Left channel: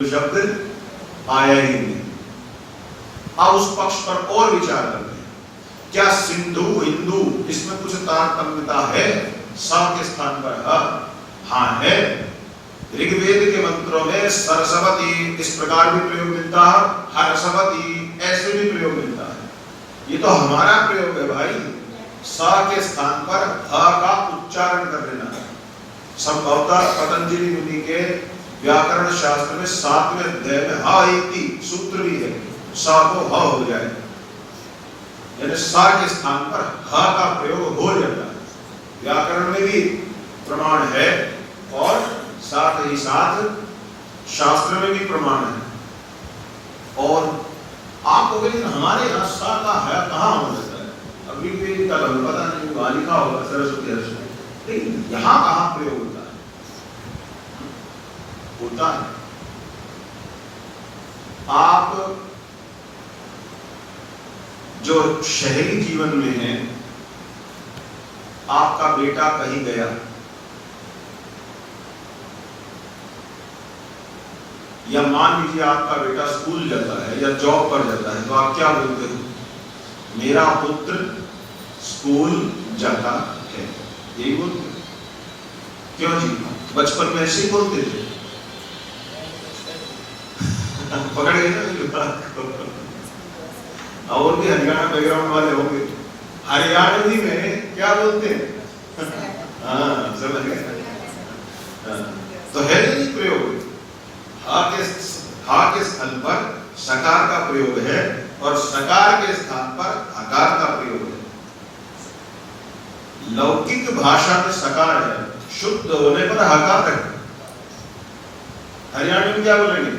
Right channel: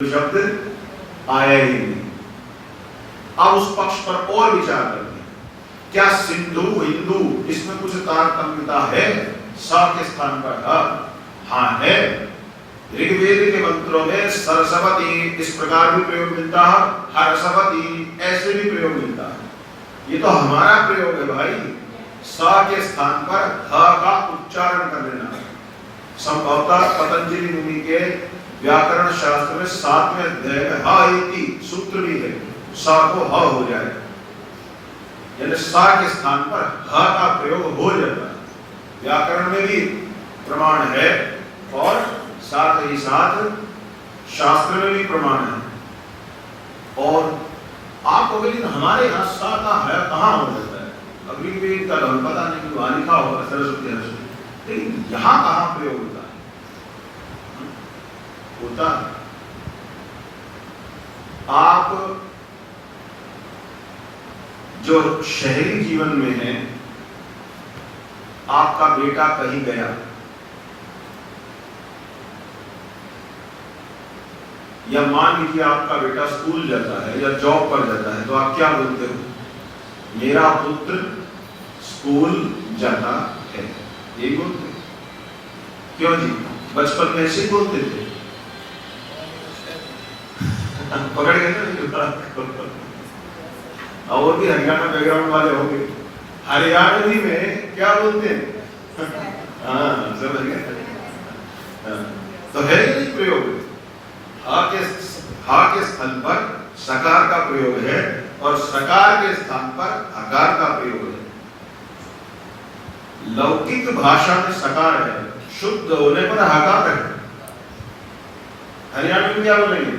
शब्द आया ही नहीं। अब उस पक्ष पर और विचार करते हैं, क्या सिंधु हिंदू इसमें कुछ तारतम्यता है? सा के स्थान पर हाँ है। ऋग्वेद के मंत्रों में सरस्वती इस प्रकार भी प्रयोग मिलता है, हर्षवती ऐसे भी प्रयोग मिलता है। ये तो हमारा प्रयोग है भाई। सा के स्थान पर ह का उच्चारण कर लेना। संभवतः पतंजलि मुनि के व्याकरण शास्त्र में 7वें अध्याय में हा इति सूत्र भी है, सा को ह हो जाए, यानी सा के स्थान पर ह का प्रयोग हो जाता है। व्याकरण में भी प्रमाण है और साथ ही साथ शास्त्र में भी प्रमाण है। और आपको लेकिन हमारे यहाँ सा का है कहाँ हो जाता है? अभी भी कल हम पता नहीं वहां लिखा होगा सरस्वती सरस्वती, लेकिन यहाँ कहाँ प्रयोग होता है? आप जो शहरी जीवन में है, आपका बेटा कहीं गया, या मान लीजिए आपका बेटा स्कूल जाता है या जॉब पर जाता है, तो आप क्या बोलते हो? मेरा पुत्र स्कूल जाता है, यही बोलते हो। क्यों जी? बचपन में ऐसे ही बोलते थे। पकड़ गए ना? और भी हरियाणा बैकग्राउंड वाले होंगे, हरियाणवी में क्या बोलते हैं? हाँ, समझ गए। तो है नहीं प्रयोग, हा के स्थल पर सकार का प्रयोग है और सकार के स्थान पर हकार का प्रयोग है। लौकिक भाषा में सकार है, शुद्ध होने पर हकार है। हरियाणा में क्या बोलेंगे?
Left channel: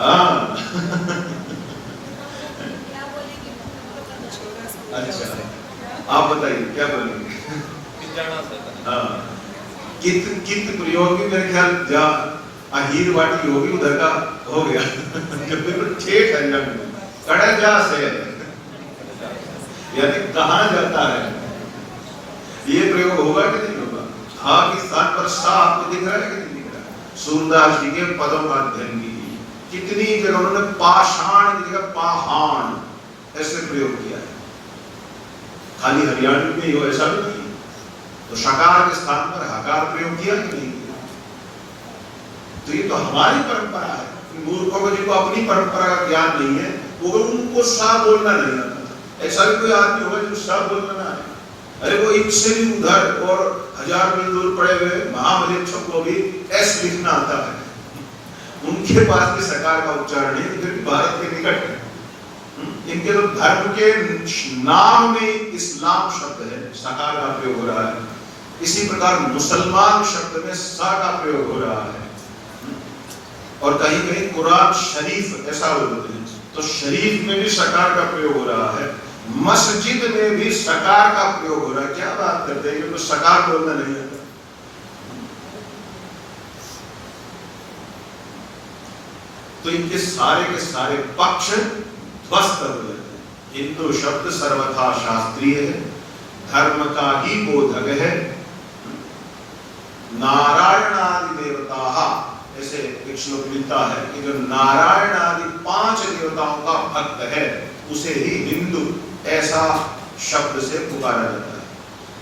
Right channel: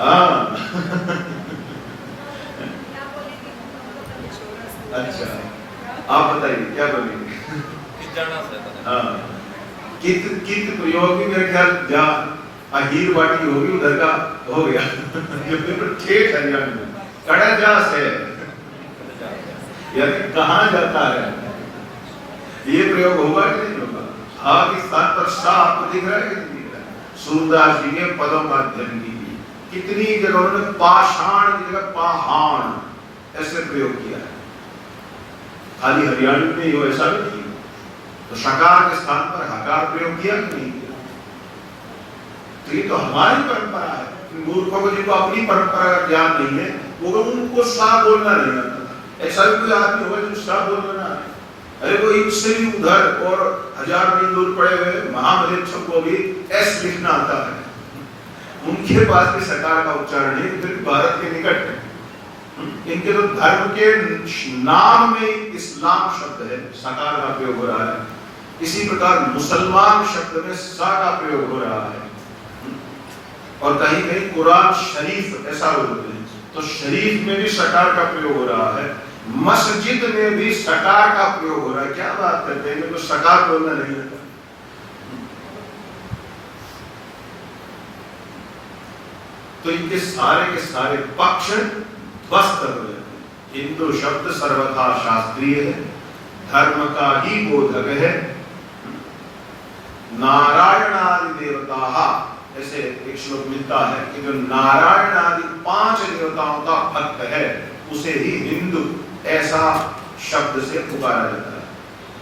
हाँ अच्छा, आप बताइए क्या बोलेंगे? हाँ, कित कित प्रयोग भी मेरे ख्याल जहाँ अहीर वाटी होगी उधर का हो गया। ठेठ हरियाणा में कड़ा जा से यानी कहाँ जाता है, ये प्रयोग होगा कि नहीं होगा? हाँ के स्थान पर सा आपको दिख रहा है कि नहीं दिख रहा है? सूरदास जी के पदों का अध्ययन की कितनी जगह उन्होंने पाषाण की जगह पाहाण ऐसे प्रयोग किया है। खाली हरियाणा में ही हो ऐसा नहीं। तो शकार के स्थान पर हकार प्रयोग किया कि नहीं? तो ये तो हमारी परंपरा है। मूर्खों को जिनको अपनी परंपरा का ज्ञान नहीं है, वो उनको सा बोलना नहीं आता। ऐसा भी कोई आदमी होगा जो सा बोलना ना आए? अरे वो इससे भी उधर और 1000 मील दूर पड़े हुए महामलेच्छों को भी एस लिखना आता है, उनके पास भी सकार का उच्चारण है, फिर भारत के निकट है। इनके तो धर्म के नाम में इस्लाम शब्द है, सकार का प्रयोग हो रहा है। इसी प्रकार मुसलमान शब्द में सा का प्रयोग हो रहा है। और कहीं कहीं कुरान शरीफ ऐसा बोलते हैं, तो शरीफ में भी सकार का प्रयोग हो रहा है। मस्जिद में भी सकार का प्रयोग हो रहा है। क्या बात करते हैं, तो सकार बोलना नहीं आता। तो इनके सारे के सारे पक्ष ध्वस्त कर देते हैं। हिंदू शब्द सर्वथा शास्त्रीय है, धर्म का ही बोधक है। नारायण आदि देवता, ऐसे एक श्लोक मिलता है कि जो नारायण आदि 5 देवताओं का भक्त है उसे ही हिंदू ऐसा शब्द से पुकारा जाता है।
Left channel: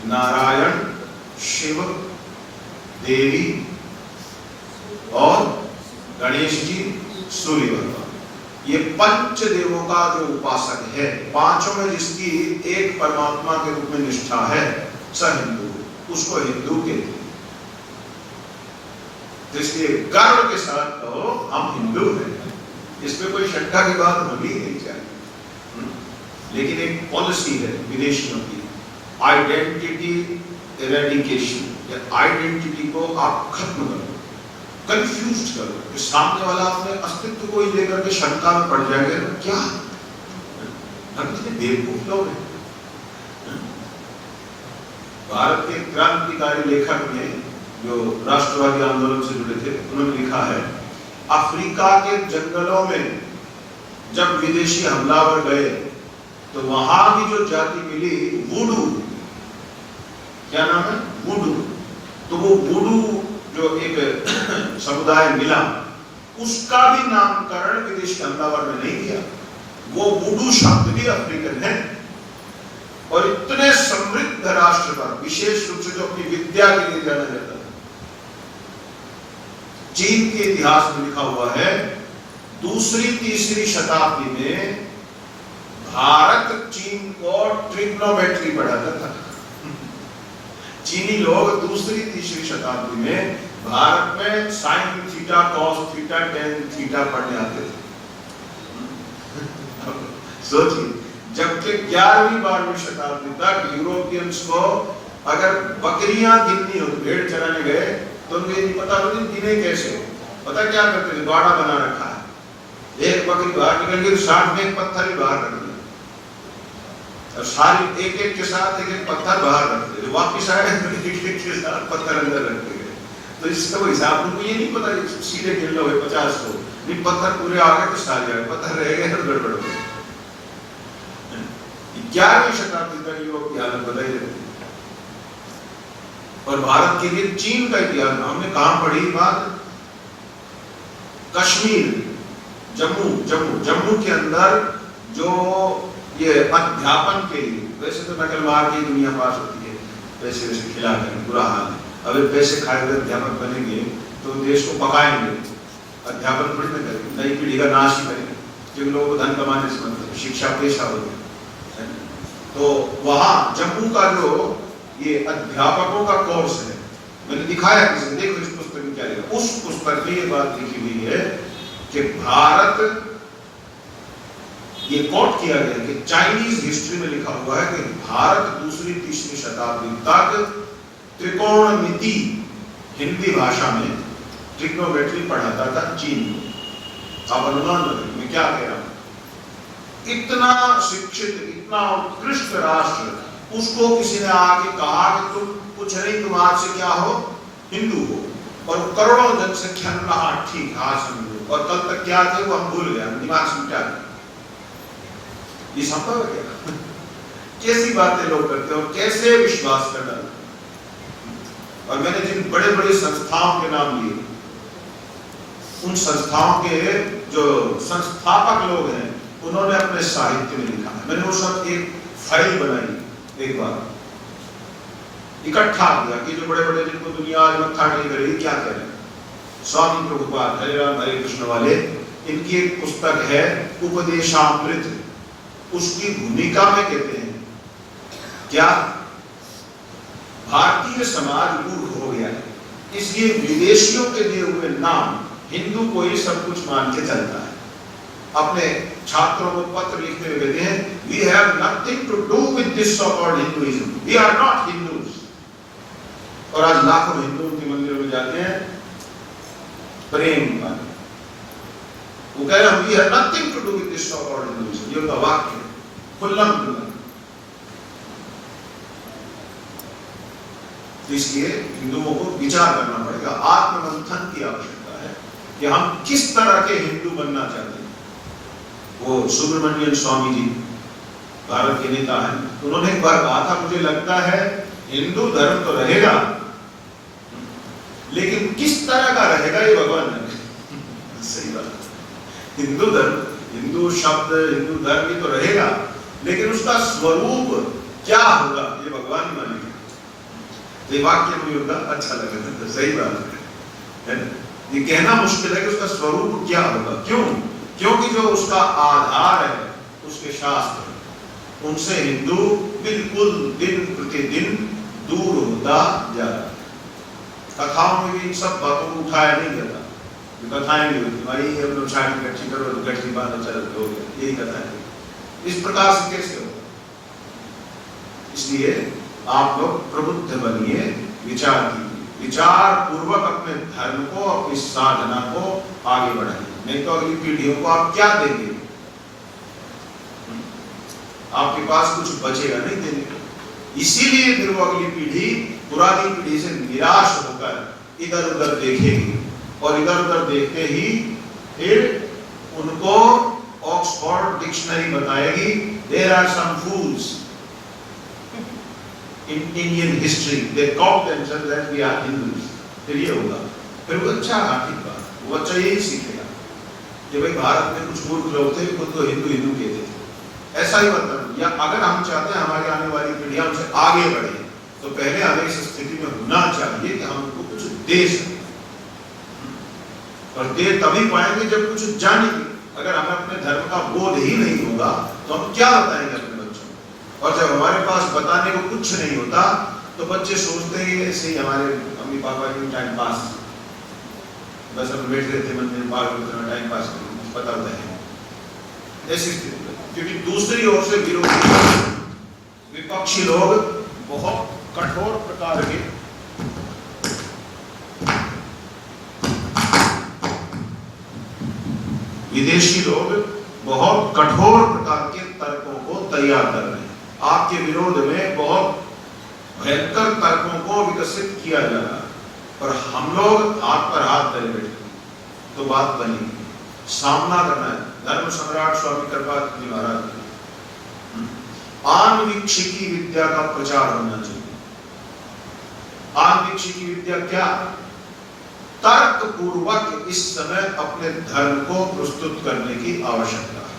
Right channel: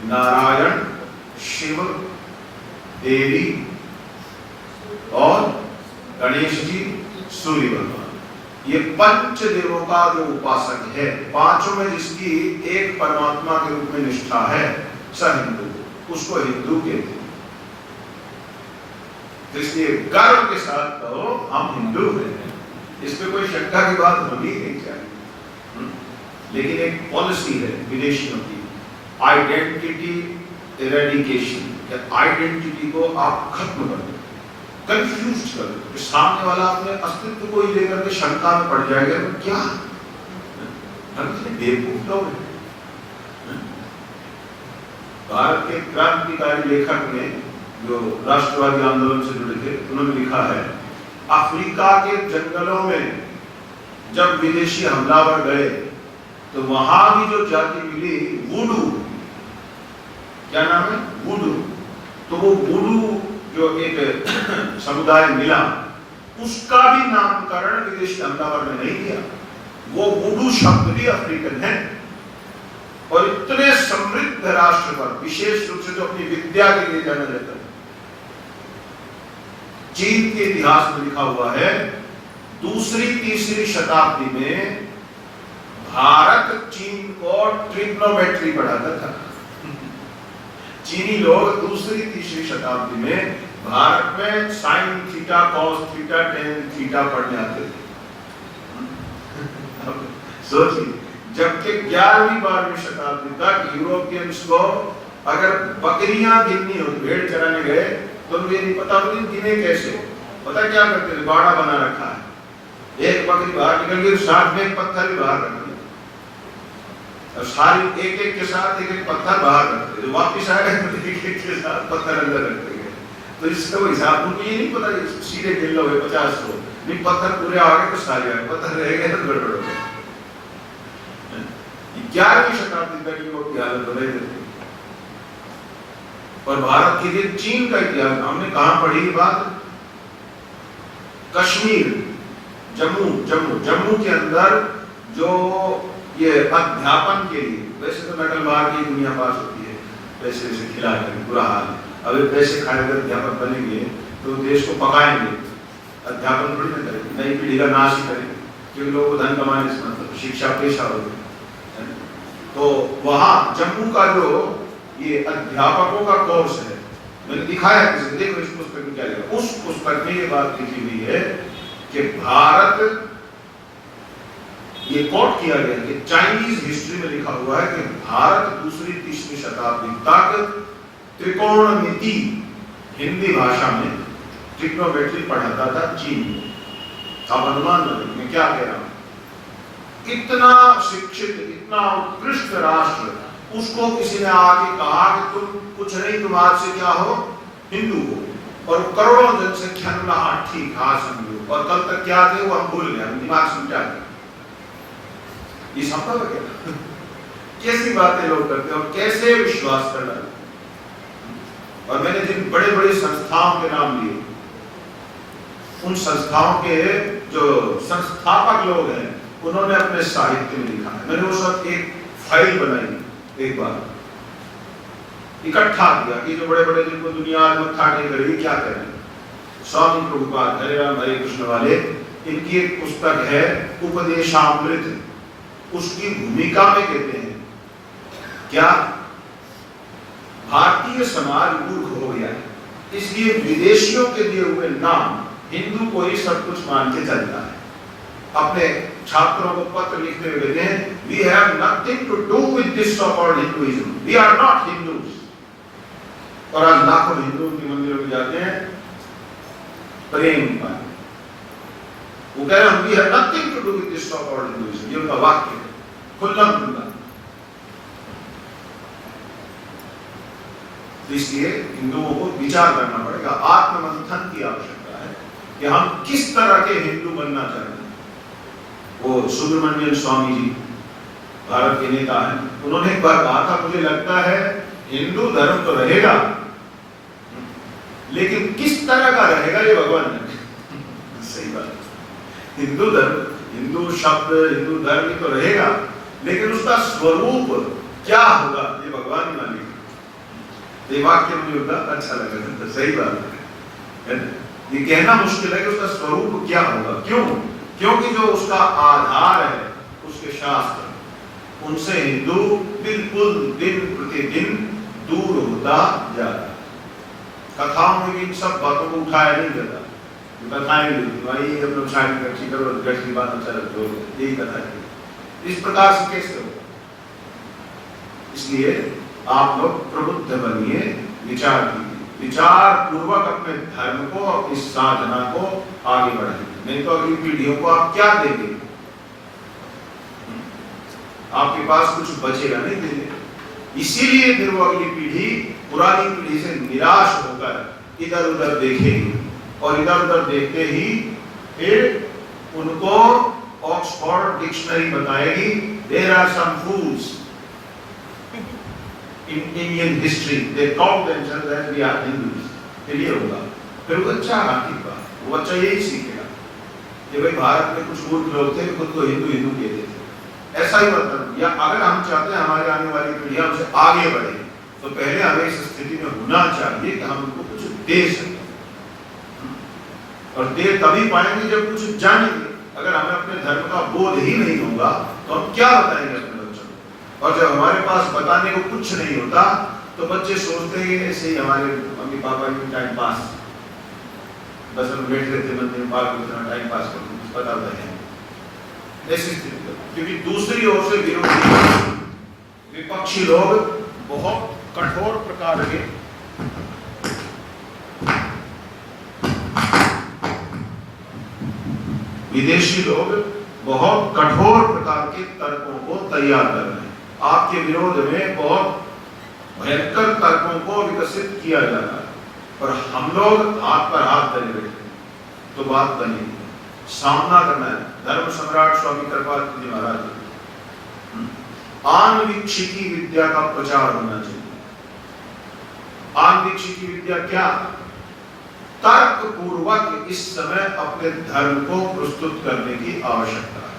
नारायण, शिव, देवी और गणेश जी, सूर्य भगवान, ये 5 देवों का जो उपासक है, पांचों में जिसकी एक परमात्मा के रूप में निष्ठा है, स हिंदू, उसको हिंदू कहते हैं। तो इसलिए गर्व के साथ कहो हम हिंदू हैं, इसमें कोई शंका की बात होनी नहीं चाहिए। लेकिन एक पॉलिसी है विदेशियों की, आइडेंटिटी इरेडिकेशन, आइडेंटिटी को आप खत्म कर दो, कंफ्यूज कर दो। सामने वाला अपने अस्तित्व को ही लेकर के शंका में पड़ जाएगा, तो क्या हम इतने बेवकूफ लोग हैं। भारत के क्रांतिकारी लेखक ने जो राष्ट्रवादी आंदोलन से जुड़े थे, उन्होंने लिखा है, अफ्रीका के जंगलों में जब विदेशी हमलावर गए तो वहां भी जो जाति मिली वुडू, क्या नाम है? वुडू। तो वो वुडू जो एक समुदाय मिला, उसका भी नामकरण विदेश धंधावर ने नहीं किया। वो वुडू शब्द भी अफ्रीकन है। और इतने समृद्ध राष्ट्र पर, विशेष रूप से जो अपनी विद्या के लिए जाना जाता है, चीन के इतिहास में लिखा हुआ है, दूसरी तीसरी शताब्दी में भारत चीन को ट्रिग्नोमेट्री पढ़ाता था। चीनी लोग दूसरी तीसरी शताब्दी में भारत में sine theta, cos theta, tan theta पढ़ने आते थे। सोचिए, जबकि 11वीं 12वीं शताब्दी तक यूरोपियंस को अगर बकरियां गिननी हो, भेड़ चराने गए, तो उनको ये नहीं पता तो गिने कैसे। पता क्या करते थे? बाड़ा बना रखा है, एक बकरी बाहर निकल गई, साथ में एक पत्थर भी बाहर रख दिया, और सारी एक एक के साथ एक एक पत्थर बाहर रखते थे। वापिस आए एक एक के साथ पत्थर अंदर रखते गए। तो इसका हिसाब उनको ये नहीं पता कि सीधे गिन लो 50 को, नहीं पत्थर पूरे आ गए तो सारे आए, पत्थर रह गए तो गड़बड़ हो गए। 11वीं शताब्दी तक यूरोप की हालत बदल गई। और भारत के लिए चीन का इतिहास हमने कहां पढ़ी बात? कश्मीर, जम्मू के अंदर जो ये अध्यापन के लिए, वैसे तो नकलबाज की दुनिया पास होती है, पैसे वैसे खिला कर बुरा हाल। अगर पैसे खाए हुए अध्यापक बनेंगे तो देश को पकाएंगे, अध्यापन थोड़ी ना करेंगे, नई पीढ़ी का नाश ही करेंगे, क्योंकि लोग धन कमाने से मतलब शिक्षा पेशा होगी। तो वहां जम्मू का जो ये अध्यापकों का कोर्स है, मैंने दिखाया किसी, देखो इस पुस्तक में क्या लिखा। उस पुस्तक में ये बात लिखी हुई है कि भारत, ये कोट किया गया कि चाइनीज हिस्ट्री में लिखा हुआ है कि भारत दूसरी तीसरी शताब्दी तक त्रिकोणमिति हिंदी भाषा में ट्रिग्नोमेट्री पढ़ाता था चीन को। आप अनुमान लगाइए मैं क्या कह रहा हूं। इतना शिक्षित, इतना उत्कृष्ट राष्ट्र, उसको किसी ने आगे कहा कि तुम कुछ नहीं, तुम आज से क्या हो? हिंदू हो। और करोड़ों जनसंख्या ने कहा ठीक, हाँ समझो। और कल तक क्या थे वो हम भूल गए, दिमाग से मिटा दिया। ये संभव है क्या? कैसी बातें लोग करते हैं और कैसे विश्वास कर डालते। और मैंने जिन बड़े बड़े संस्थाओं के नाम लिए, उन संस्थाओं के जो संस्थापक लोग हैं, उन्होंने अपने साहित्य में लिखा है। मैंने वो सब एक फाइल बनाई, एक बार इकट्ठा किया कि जो बड़े बड़े जिनको दुनिया आज मत्था टेक रही क्या कह रहे हैं। स्वामी प्रभुपाद, हरे राम हरे कृष्ण वाले, इनकी एक पुस्तक है उपदेशामृत। उसकी भूमिका में कहते हैं क्या? भारतीय समाज मूर्ख हो गया है, इसलिए विदेशियों के दिए हुए नाम हिंदू को ही सब कुछ मान के चलता है। अपने छात्रों को पत्र लिखते हुए कहते हैं, we have nothing to do with this so-called Hinduism. We are not Hindus. और आज लाखों हिंदू के मंदिरों में जाते हैं प्रेम का, वो कह रहे हैं we have nothing to do with this so-called Hinduism. ये उनका वाक्य है, खुल्लम खुल्ला। तो इसलिए हिंदुओं को विचार करना पड़ेगा, आत्ममंथन की आवश्यकता है कि हम किस तरह के हिंदू बनना चाहते हैं। वो सुब्रमण्यम स्वामी जी भारत के नेता हैं, उन्होंने एक बार कहा था, मुझे लगता है हिंदू धर्म तो रहेगा, लेकिन किस तरह का रहेगा ये भगवान जाने। सही बात। हिंदू धर्म, हिंदू शब्द, हिंदू धर्म तो रहेगा, लेकिन उसका स्वरूप क्या होगा ये भगवान मानेगा। ये वाक्य मुझे बड़ा अच्छा लगा। सही बात है, ये कहना मुश्किल है कि उसका स्वरूप क्या होगा। क्यों? क्योंकि जो उसका आधार है, उसके शास्त्र, उनसे हिंदू बिल्कुल दिन प्रतिदिन दूर होता जा रहा है। कथाओं में भी इन सब बातों को उठाया नहीं जाता। कथाएं भी होती, भाई हम लोग शायद गठरी करो, गठरी बात अच्छा लगता हो, यही कथा है। इस प्रकार से कैसे होगा? इसलिए आप लोग प्रबुद्ध बनिए, विचार कीजिए, विचार पूर्वक अपने धर्म को, अपनी साधना को आगे बढ़ाइए। नहीं तो अगली पीढ़ियों को आप क्या देंगे? आपके पास कुछ बचेगा नहीं देने। इसीलिए फिर वो अगली पीढ़ी पुरानी पीढ़ी से निराश होकर इधर उधर देखेगी, और इधर उधर देखते ही फिर उनको ऑक्सफोर्ड डिक्शनरी बताएगी, there are some fools in Indian history, they call themselves that we are Hindus। फिर ये होगा, फिर वो बच्चा आखिर का वो बच्चा यही सीखेगा। कि भाई भारत में कुछ मूर्ख लोग थे, खुद को हिंदू हिंदू कहते थे, ऐसा ही मतलब। या अगर हम चाहते हैं हमारे आने वाली पीढ़ियां हमसे आगे बढ़े, तो पहले हमें इस स्थिति में होना चाहिए कि हम उनको कुछ दे सकें, और दे तभी पाएंगे जब कुछ जानेंगे। अगर हमें अपने धर्म का बोध ही नहीं होगा तो हम क्या बताएंगे अपने बच्चों को? और जब हमारे पास बताने को कुछ नहीं होता तो बच्चे सोचते हैं ऐसे ही हमारे मम्मी पापा की टाइम पास, 10 मिनट बैठ गए थे मंदिर में, बाहर उतना टाइम पास कर पता है ऐसी स्थिति। क्योंकि दूसरी ओर से विरोधी विपक्षी लोग बहुत कठोर प्रकार के विदेशी लोग बहुत कठोर प्रकार के तर्कों को तैयार कर रहे हैं, आपके विरोध में बहुत भयंकर तर्कों को विकसित किया जा रहा है, और हम लोग हाथ पर हाथ धरे बैठे तो बात बनेगी, सामना करना है। धर्म सम्राट स्वामी कृपाल जी महाराज, आन्वीक्षिकी विद्या का प्रचार होना चाहिए। आन्वीक्षिकी विद्या क्या? तर्क पूर्वक इस समय अपने धर्म को प्रस्तुत करने की आवश्यकता है।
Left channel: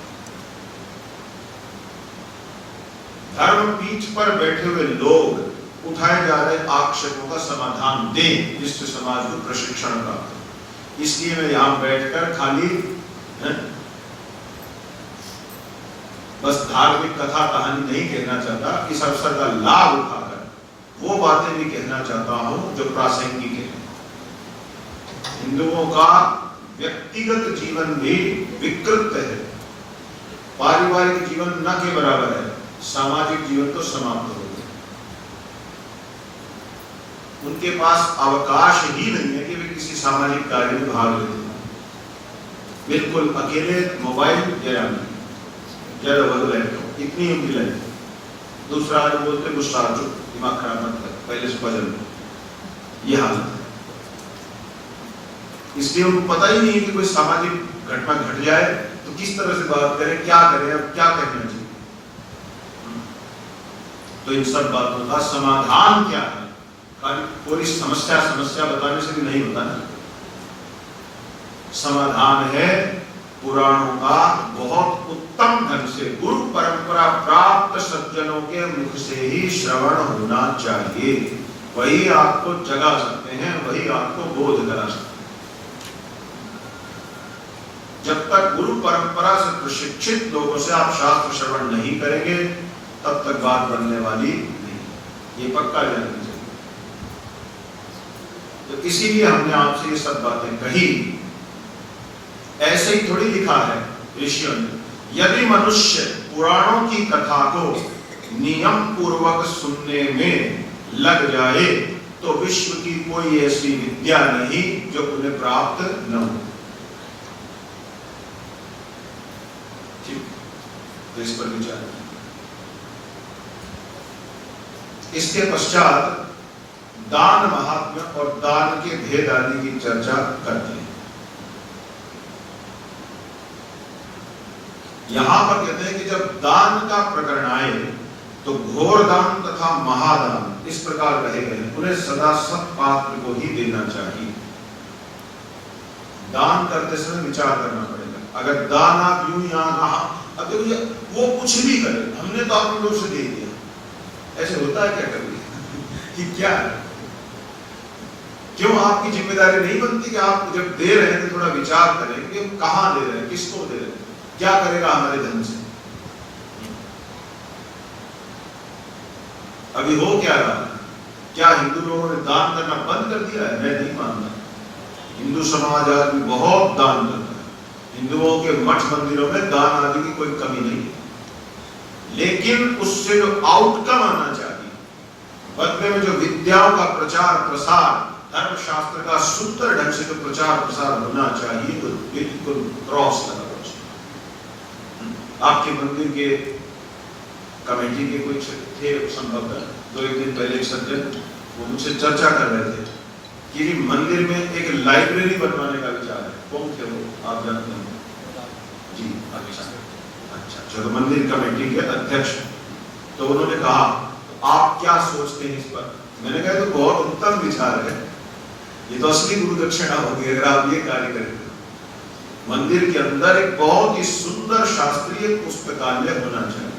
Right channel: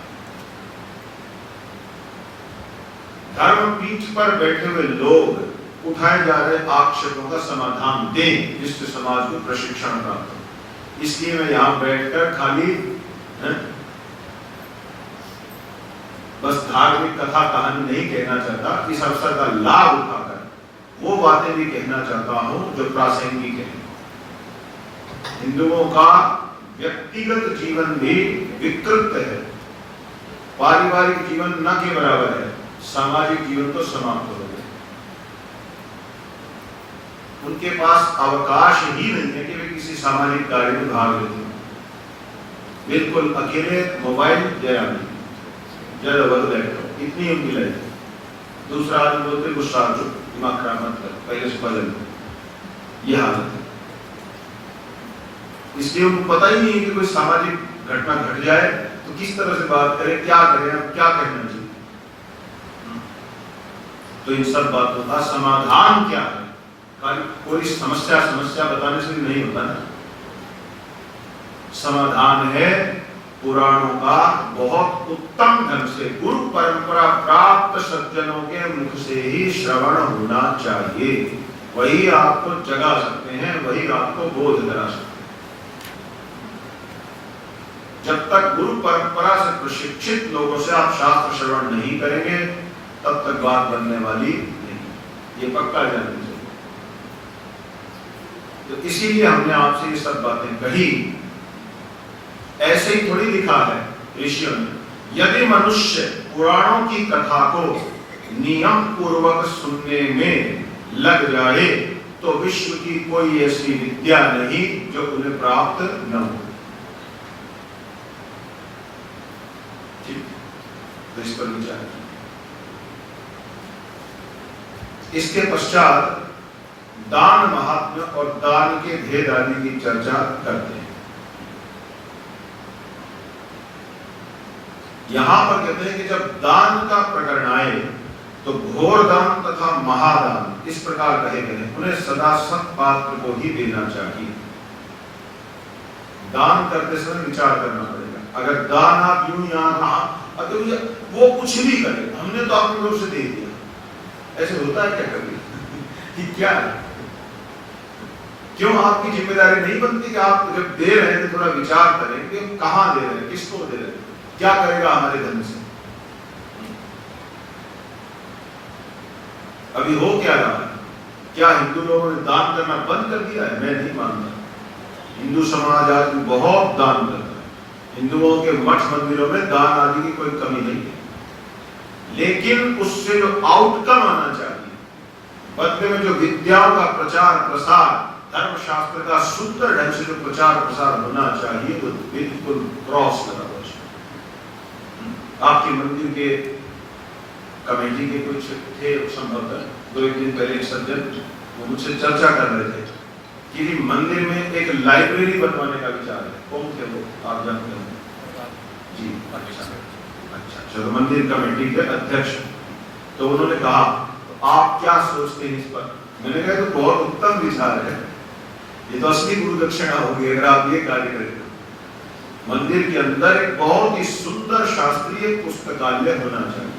धर्म पीठ पर बैठे हुए लोग उठाए जा रहे आक्षेपों का समाधान दें, जिससे समाज को प्रशिक्षण प्राप्त हो। इसलिए मैं यहां बैठकर खाली बस धार्मिक कथा कहानी नहीं कहना चाहता, इस अवसर का लाभ उठाकर वो बातें भी कहना चाहता हूं जो प्रासंगिक है। हिंदुओं का व्यक्तिगत जीवन भी विकृत है, पारिवारिक जीवन न के बराबर है, सामाजिक जीवन तो समाप्त हो गया। उनके पास अवकाश ही नहीं है कि वे किसी सामाजिक कार्य में भाग लेते हो। बिल्कुल अकेले मोबाइल जरा लैपटॉप, इतनी उनकी लाइफ। दूसरा आदमी बोलते गुस्सा जो दिमाग खराब मत कर, पहले से बदल, ये हालत है। इसलिए उनको पता ही नहीं है कि कोई सामाजिक घटना घट जाए तो किस तरह से बात करें, क्या करें, क्या कहना चाहिए। तो इन सब बातों का समाधान क्या है? खाली कोई समस्या बताने से भी नहीं होता ना। समाधान है पुराणों का बहुत उत्तम ढंग से गुरु परंपरा प्राप्त सज्जनों के मुख से ही श्रवण होना चाहिए। वही आपको जगा सकते हैं, वही आपको बोध करा सकते हैं। जब तक गुरु परंपरा से प्रशिक्षित लोगों से आप शास्त्र श्रवण नहीं करेंगे, तब तक बात बनने वाली नहीं, ये पक्का जानना चाहिए। तो इसीलिए हमने आपसे ये सब बातें कही, ऐसे ही थोड़ी लिखा है ऋषियों ने। यदि मनुष्य पुराणों की कथा को नियम पूर्वक सुनने में लग जाए तो विश्व की कोई ऐसी विद्या नहीं जो उन्हें प्राप्त न हो। ठीक, तो इस पर विचार करें। इसके पश्चात दान महात्म्य और दान के भेद आदि की चर्चा करते हैं। यहां पर कहते हैं कि जब दान का प्रकरण आए तो घोर दान तथा महादान इस प्रकार कहे गए, उन्हें सदा सत्पात्र को ही देना चाहिए। दान करते समय विचार करना पड़ेगा। अगर दान आप यूं यहाँ अगर वो कुछ भी करे, हमने तो अपनी ओर से दे दिया, ऐसे होता है क्या कभी कि क्या है? क्यों आपकी जिम्मेदारी नहीं बनती कि आप जब दे रहे हैं तो थोड़ा विचार करें कि कहां दे रहे हैं, किसको दे रहे हैं, क्या करेगा हमारे धन से। अभी हो क्या रहा है? क्या हिंदू लोगों ने दान करना बंद कर दिया है? मैं नहीं मानता। हिंदू समाज आज भी बहुत दान करता है। हिंदुओं के मठ मंदिरों में दान आदि की कोई कमी नहीं है, लेकिन उससे जो आउटकम आना चाहिए, बदले में जो विद्याओं का प्रचार प्रसार, धर्म शास्त्र का सुंदर ढंग से जो प्रचार प्रसार होना चाहिए, वो बिल्कुल क्रॉस लगा। आपके मंदिर के कमेटी के कुछ थे संभवतः, 2 दिन पहले एक सज्जन वो मुझसे चर्चा कर रहे थे कि मंदिर में एक लाइब्रेरी बनवाने का विचार है। कौन थे वो? आप जानते हैं जी? अच्छा, चलो मंदिर कमेटी के अध्यक्ष। तो उन्होंने कहा तो आप क्या सोचते हैं इस पर? मैंने कहा तो बहुत उत्तम विचार है, ये तो असली गुरु दक्षिणा होगी अगर आप ये कार्य करें। मंदिर के अंदर एक बहुत ही सुंदर शास्त्रीय पुस्तकालय होना चाहिए,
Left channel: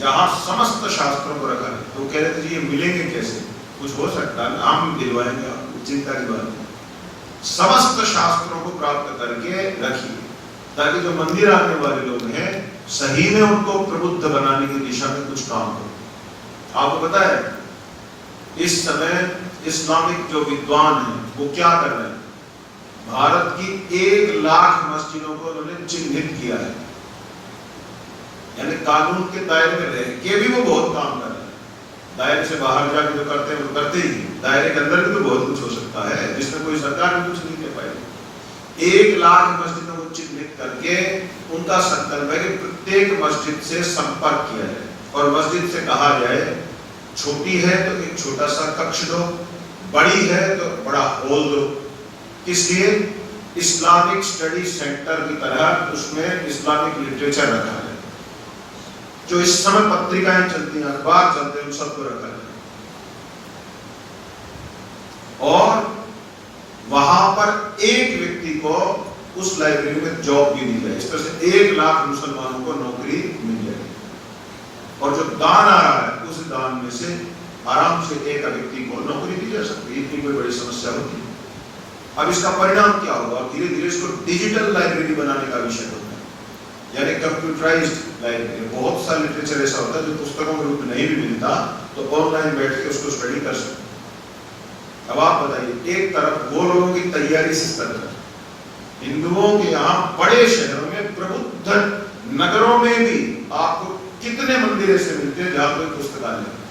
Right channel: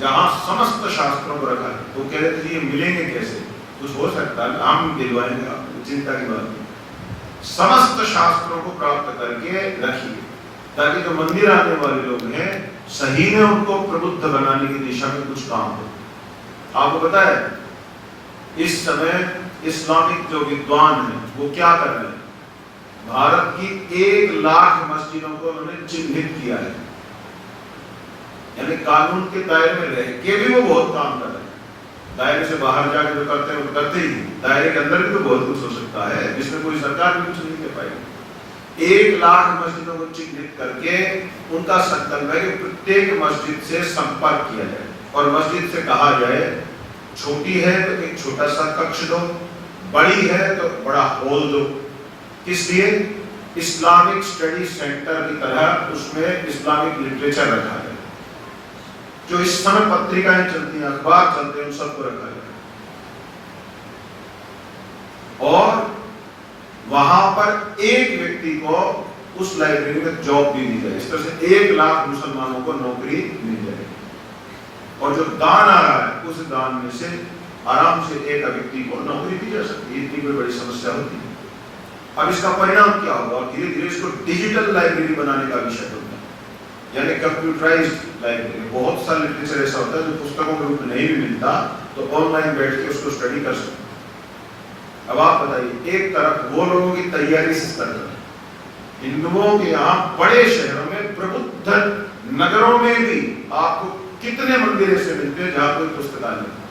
जहां समस्त शास्त्रों को रखा है। वो कह रहे थे ये मिलेंगे कैसे, कुछ हो सकता है, हम दिलवाएंगे आपको, चिंता की बात नहीं। समस्त शास्त्रों को प्राप्त करके रखिए, ताकि जो मंदिर आने वाले लोग हैं सही में उनको प्रबुद्ध बनाने की दिशा में कुछ काम करो। आपको पता है इस समय इस्लामिक जो विद्वान हैं वो क्या कर रहे हैं, भारत की 1 लाख मस्जिदों को उन्होंने चिन्हित किया है, यानी कानून के दायरे में रह के भी वो बहुत काम कर रहे हैं। दायरे से बाहर जाकर जो करते हैं वो करते ही, दायरे के अंदर भी बहुत कुछ हो सकता है जिसमें कोई सरकार भी कुछ नहीं कर पाएगी। 1 लाख मस्जिदों को चिन्हित करके उनका संकल्प है कि प्रत्येक मस्जिद से संपर्क किया जाए और मस्जिद से कहा जाए छोटी है तो एक छोटा सा कक्ष दो, बड़ी है तो बड़ा हॉल दो। इसलिए इस्लामिक स्टडी सेंटर की तरह उसमें इस्लामिक लिटरेचर रखा है, जो इस समय पत्रिकाएं चलती हैं, अखबार चलते हैं, उन सबको रखा है। और वहां पर एक व्यक्ति को उस लाइब्रेरी में जॉब भी दी जाए, इस तरह से 1 लाख मुसलमानों को नौकरी मिल जाएगी। और जो दान आ रहा है उस दान में से आराम से एक व्यक्ति को नौकरी दी जा सकती है, इतनी कोई बड़ी समस्या होती है। अब इसका परिणाम क्या होगा, धीरे धीरे इसको डिजिटल लाइब्रेरी बनाने का विषय होता है, यानी कंप्यूटराइज्ड लाइब्रेरी। बहुत सारा लिटरेचर ऐसा होता है जो पुस्तकों में रूप नहीं भी मिलता तो ऑनलाइन बैठ के उसको स्टडी कर सकते हैं। अब आप बताइए, एक तरफ वो लोगों की तैयारी से स्तर पर, हिंदुओं के यहाँ बड़े शहरों में, प्रबुद्ध नगरों में भी आपको कितने मंदिर ऐसे मिलते हैं जहां कोई पुस्तकालय नहीं।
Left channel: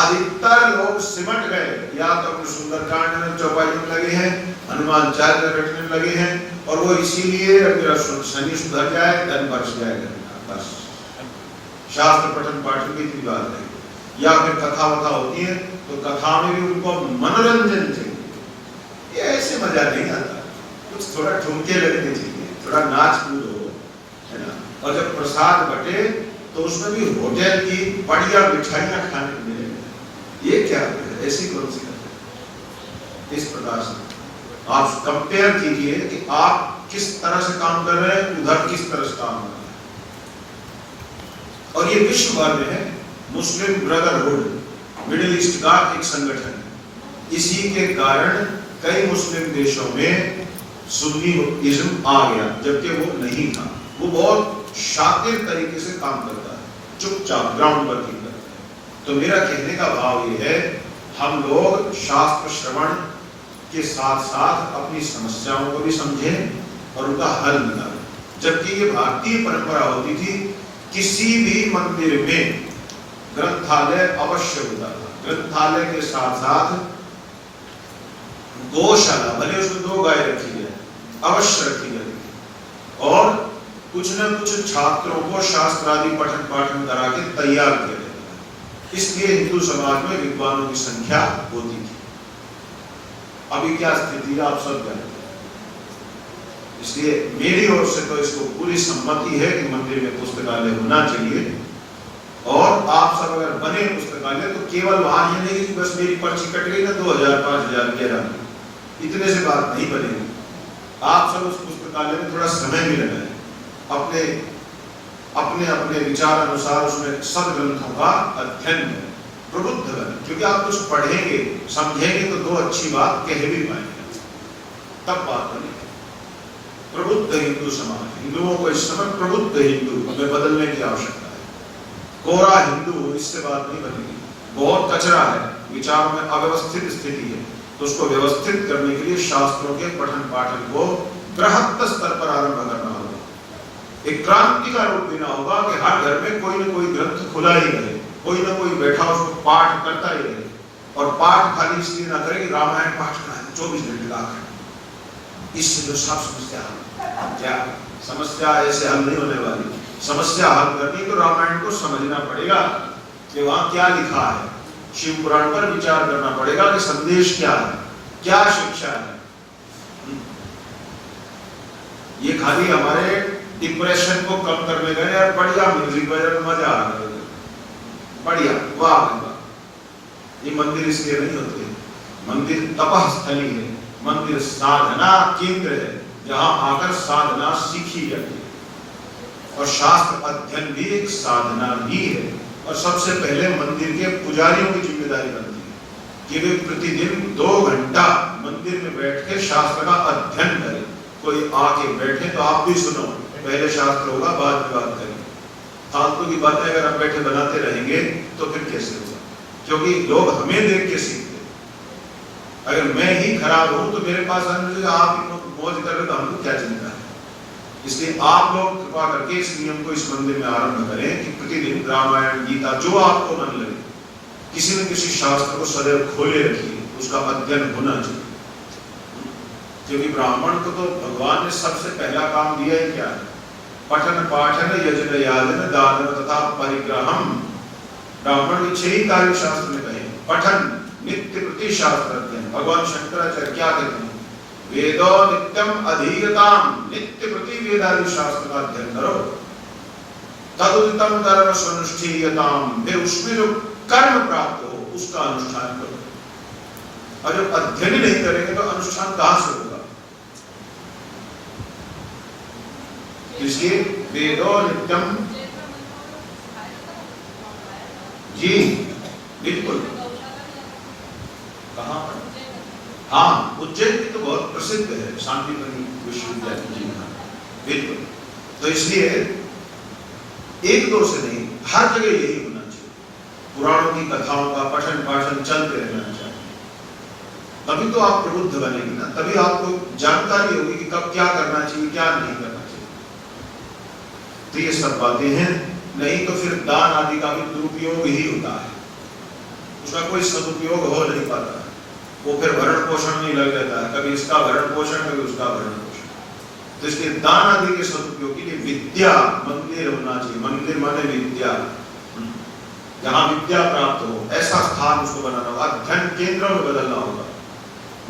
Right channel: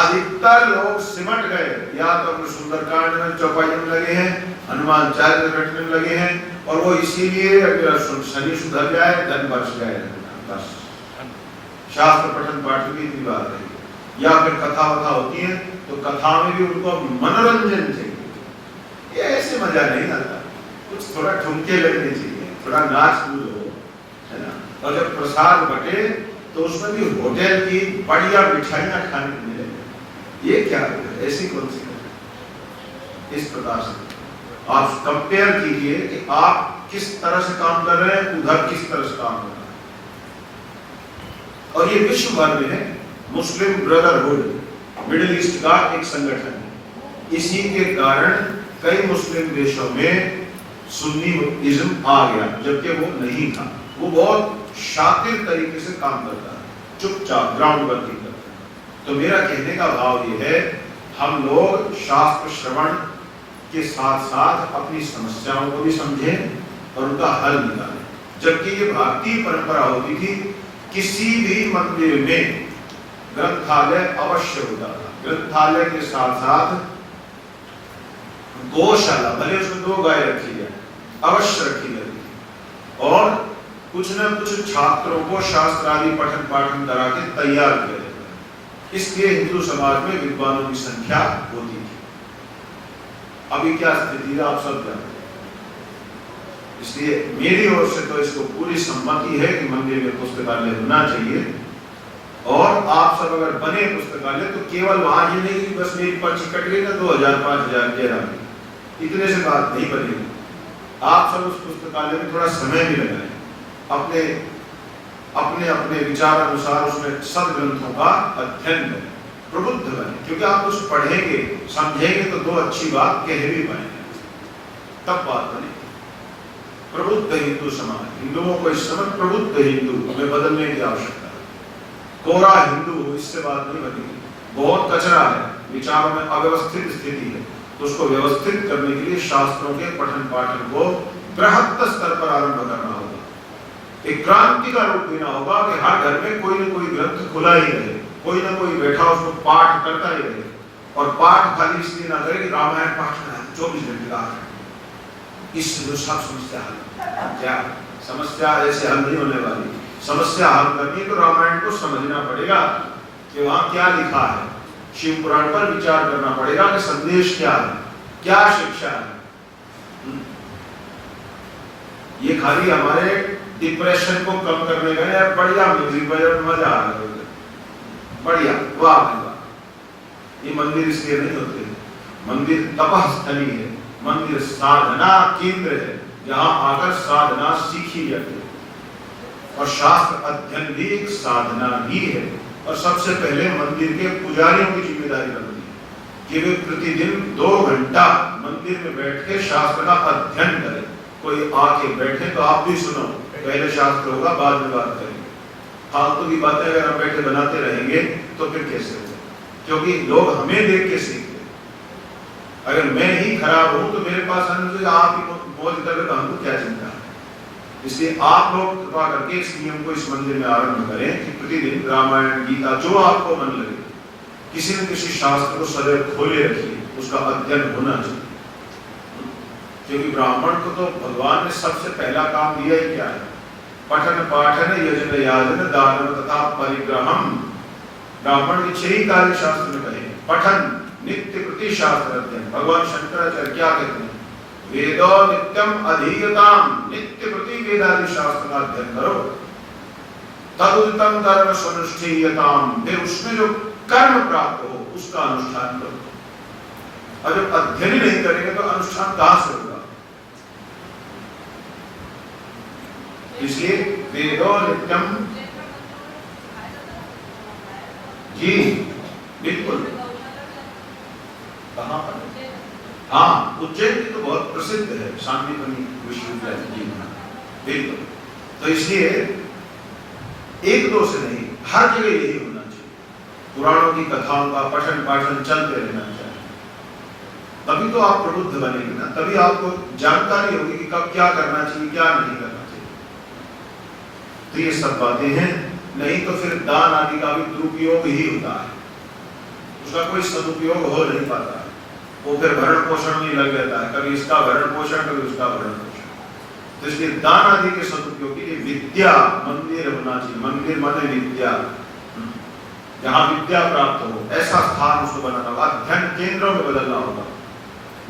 अधिकतर लोग सिमट गए, या तो अपने सुंदरकांड में चौपाई में लगे हैं, हनुमान चालीसा रटने में लगे हैं, और वो इसीलिए शनि सुधर जाए, धन बरस जाएगा, बस शास्त्र पठन पाठ की इतनी बात है। या फिर कथा वथा होती है तो कथा में भी उनको मनोरंजन चाहिए, ये ऐसे मजा नहीं आता, कुछ थोड़ा ठुमके लगने चाहिए, थोड़ा नाच कूद हो, है ना। और जब प्रसाद बटे तो उसमें भी होटल की बढ़िया मिठाइयां खाने को मिले, ये क्या है, ऐसी कौन सी बात। इस प्रकार से आप कंपेयर कीजिए कि आप किस तरह से काम कर रहे हैं, उधर किस तरह से काम कर रहे हैं। और ये विश्व भर में है, मुस्लिम ब्रदरहुड मिडिल ईस्ट का एक संगठन है। इसी के कारण कई मुस्लिम देशों में सुन्नीइज्म आ गया, जबकि वो नहीं था। वो बहुत शातिर तरीके से काम करता है, चुपचाप ग्राउंड वर्किंग करता है। तो मेरा कहने का भाव ये है, हम लोग शास्त्र श्रवण के साथ साथ अपनी समस्याओं को भी समझें और उनका हल निकालें। जबकि ये भारतीय परंपरा होती थी, किसी भी मंदिर में ग्रंथालय अवश्य होता है, ग्रंथालय के साथ साथ गौशाला, भले उसमें 2 गाय रखी जाए, अवश्य रखी जाती, और कुछ न कुछ छात्रों को शास्त्र आदि पठन पाठन करा के तैयार किया जाता है। इसलिए हिंदू समाज में विद्वानों की संख्या होती थी। अभी क्या स्थिति है आप सब जानते हैं। इसलिए मेरी ओर से तो इसको पूरी सम्मति है कि मंदिर में पुस्तकालय होना चाहिए, और आप सब अगर बने पुस्तकालय तो केवल वहां ये नहीं कि बस मेरी पर्ची कट गई ना 2000 5000 11 इतने से बात नहीं बनेगी। आप सब उस पुस्तकालय में थोड़ा समय भी लगाएं, अपने अपने अपने विचार अनुसार उसमें सब ग्रंथों का अध्ययन करें, प्रबुद्ध बने, क्योंकि आप कुछ पढ़ेंगे समझेंगे तो 2 अच्छी बात कह भी पाएंगे, तब बात बनेगी। प्रबुद्ध हिंदू समाज, हिंदुओं को इस समय प्रबुद्ध हिंदू हमें बदलने की आवश्यकता है। कोरा हिंदू इससे बात नहीं बनेगी, बहुत कचरा है, विचारों में अव्यवस्थित स्थिति है, तो उसको व्यवस्थित करने के लिए शास्त्रों के पठन पाठन को बृहत्तर स्तर पर आरंभ करना होगा। एक क्रांति का रूप देना होगा कि हर घर में कोई न कोई ग्रंथ खुला ही रहे, कोई न कोई बैठा उसको पाठ करता ही रहे, और पाठ खाली इसलिए ना करे कि रामायण पाठ करना 24 घंटे का है, इससे जो सब समस्या हल, क्या समस्या ऐसे हल नहीं होने वाली। समस्या हल करनी तो रामायण को समझना पड़ेगा कि वहां क्या लिखा है, शिव पुराण पर विचार करना पड़ेगा कि संदेश क्या है, क्या शिक्षा है। ये खाली हमारे डिप्रेशन को कम करने का है, बढ़िया म्यूजिक बजा, मजा आ रहा है, बढ़िया, वाह। ये मंदिर इसलिए नहीं होते, मंदिर तपस्थली है, मंदिर साधना केंद्र है, जहां आकर साधना सीखी जाती है। और शास्त्र अध्ययन भी एक साधना ही है। और सबसे पहले मंदिर के पुजारियों की जिम्मेदारी बनती है कि वे प्रतिदिन 2 घंटा मंदिर में बैठ के शास्त्र का अध्ययन करें। कोई आके बैठे तो आप भी सुनो, पहले शास्त्र होगा, बाद में बात करेंगे। फालतू की बातें अगर हम बैठे बनाते रहेंगे तो फिर कैसे होगा? क्योंकि लोग हमें देख के सीखते। अगर मैं ही खराब हूं तो मेरे पास आने से आप मौज कर रहे तो हमको क्या चिंता है? इसलिए आप लोग कृपा करके इस नियम को इस मंदिर में आरंभ करें कि प्रतिदिन रामायण, गीता, जो आपको मन लगे, किसी न किसी शास्त्र को सदैव खोले रखिए, उसका अध्ययन होना चाहिए। क्योंकि ब्राह्मण को तो भगवान ने सबसे पहला काम दिया ही क्या है? पठन पाठन यजन याजन दान तथा परिग्रहम। ब्राह्मण के 6 कार्य शास्त्र में कहे। पठन, नित्य प्रति शास्त्र अध्ययन। भगवान शंकराचार्य क्या कहते हैं? वेदो नित्यम अधीयताम, नित्य प्रति वेदादि शास्त्र का अध्ययन करो। तदुदितम कर्म सुनिष्ठीयताम, फिर उसमें जो कर्म प्राप्त हो उसका अनुष्ठान करो। और जब अध्ययन नहीं करेंगे तो अनुष्ठान कहां से होगा? इसलिए वेदो नित्यम, जी बिल्कुल। कहां पर? हाँ, उज्जैन की तो बहुत प्रसिद्ध है, शांतिवन विश्वविद्यालय जी में, बिल्कुल। तो इसलिए 1-2 से नहीं, हर जगह यही होना चाहिए। पुराणों की कथाओं का पठन पाठन चलते रहना चाहिए। तभी तो आप प्रबुद्ध बनेंगे ना, तभी आपको जानकारी होगी कि कब क्या करना चाहिए, क्या नहीं करना चाहिए। तो ये सब बातें हैं। नहीं तो फिर दान आदि का भी दुरुपयोग ही होता है, उसका कोई सदुपयोग हो नहीं पाता। वो फिर भरण पोषण में लग रहता है, कभी इसका भरण पोषण, कभी उसका भरण पोषण। तो इसलिए दान आदि के सदुपयोग के लिए विद्या मंदिर होना चाहिए। मंदिर माने विद्या, जहां विद्या प्राप्त हो, ऐसा स्थान उसको बनाना होगा। अध्ययन केंद्रों में बदलना होगा।